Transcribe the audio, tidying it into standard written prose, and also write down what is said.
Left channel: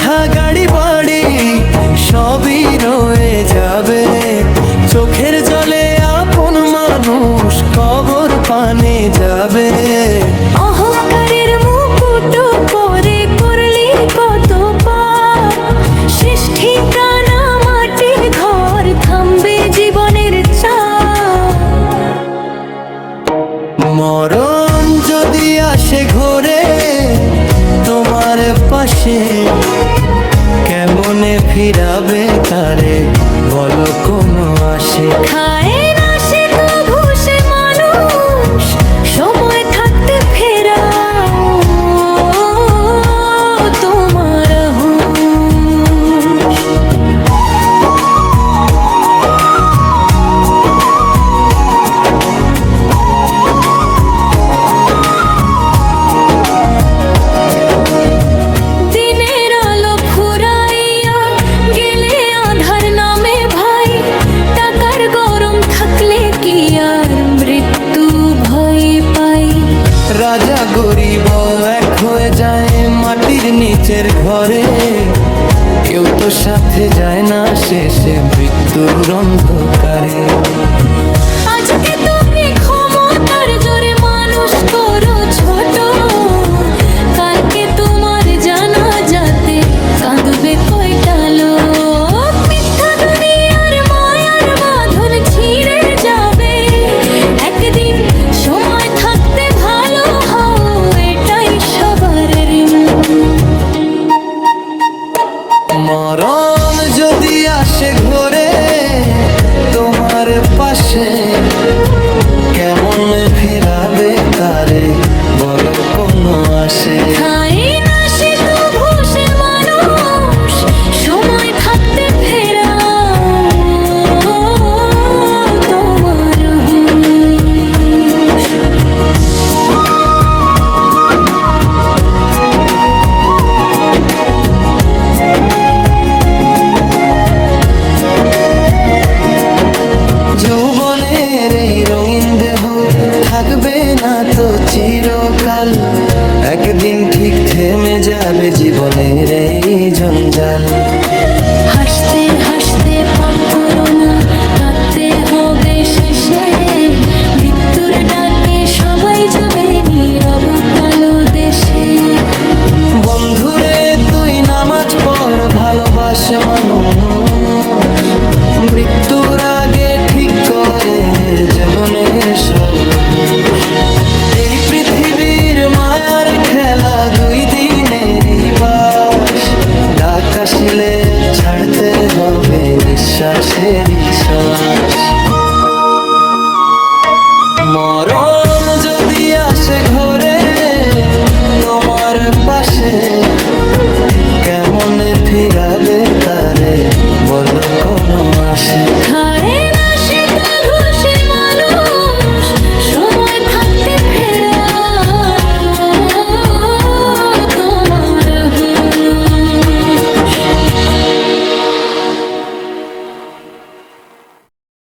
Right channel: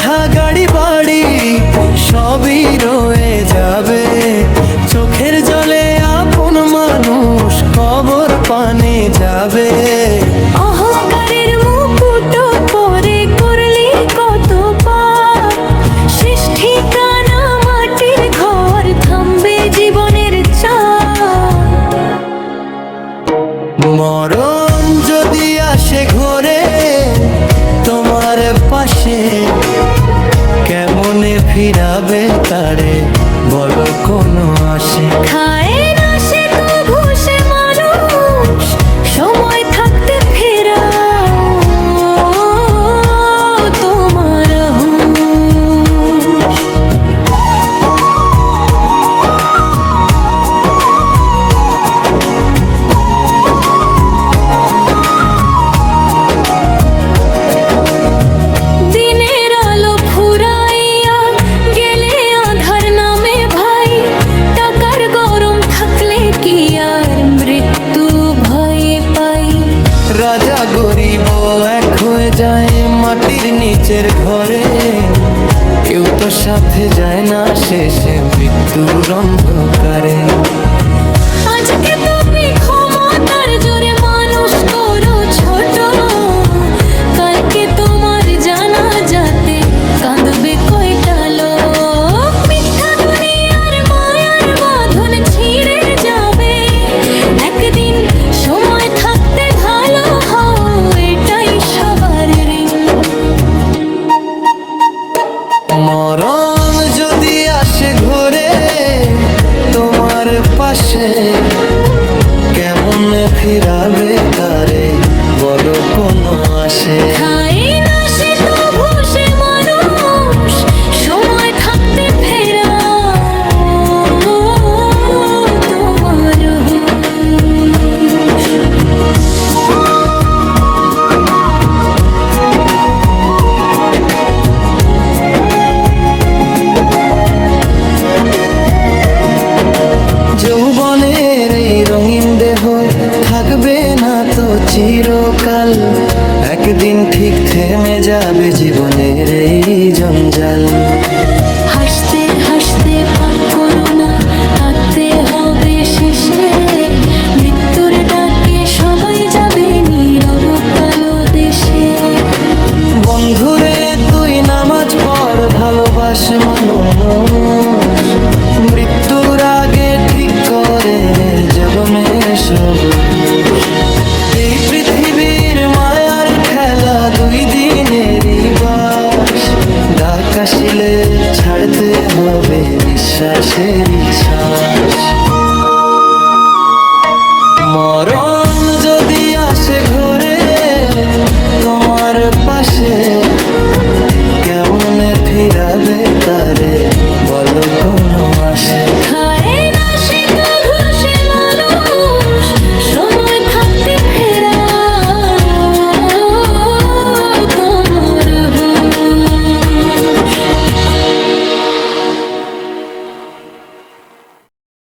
কথা গাড়ি বাড়ি সবই রয়ে যাবে, চোখের জলে আপন মানুষ কবর পানে যাবে। অহংকারের মুকুট পরে করলি কত পাপ, শেষ ঠিকানা মাটির ঘর, থামবে জীবনের চাপ। মরণ যদি আসে ঘরে তোমার পাশে, কেমনে ফিরাবে তারে বলো কোনো আসে। খায় না সে তো ভুষে মানুষ, সময় থাকতে ফেরাও তোমার হুঁশ। দিনের আলো ফুরাইয়া গেলে আধার নামে ভাই, টাকার গরম থাকলে কি আর মৃত্যু ভয় পাই। রাজা গরিব এক হয়ে যায় মাটির নিচের ঘরে, কেউ তো সাথে যায় না শেষে মৃত্যুর অন্ধকারে। আজকে তুমি ক্ষমতার জোরে মানুষ করো ছোট, কালকে তোমার জানা যাতে কাঁদবে কয়টা লোক। মিথ্যা দুনিয়ার মায়ার বাঁধন ছিঁড়ে যাবে একদিন, সময় থাকতে ভালো হও এটাই সবার ঋণ। মরণ যদি আসে ঘরে তোমার পাশে, কেমন ফিরাবে তারে বলো কোনো আসে। খাই না সে তো ভুষে মানুষ, সময় থাকতে ফেরাও তোমার হুঁশ। যৌবনের এই রঙিন দেহ থাকবে না তো চিরকাল, একদিন ঠিক থেমে যাবে জীবনের এই জঞ্জাল। হাসতে হাসতে পাপ করো না, কাঁদতে হবে শেষে, মৃত্যুর ডাকে সবাই যাবে নীরব কালো দেশে। বন্ধুরে তুই নামাজ পড় ভালোবাস মানুষ, মৃত্যুর আগে ঠিক করে জীবনে সব হুঁশ। এই পৃথিবীর মায়ার খেলা দুই দিনেরই বাস, ডাক আসিলে ছাড়তে হবে নিঃশ্বাসেরই শ্বাস। মরণ যদি আসে ঘরে তোমার পাশে, কেমনে ফিরাবে তারে বলো কোনো আসে। খায় না সে তো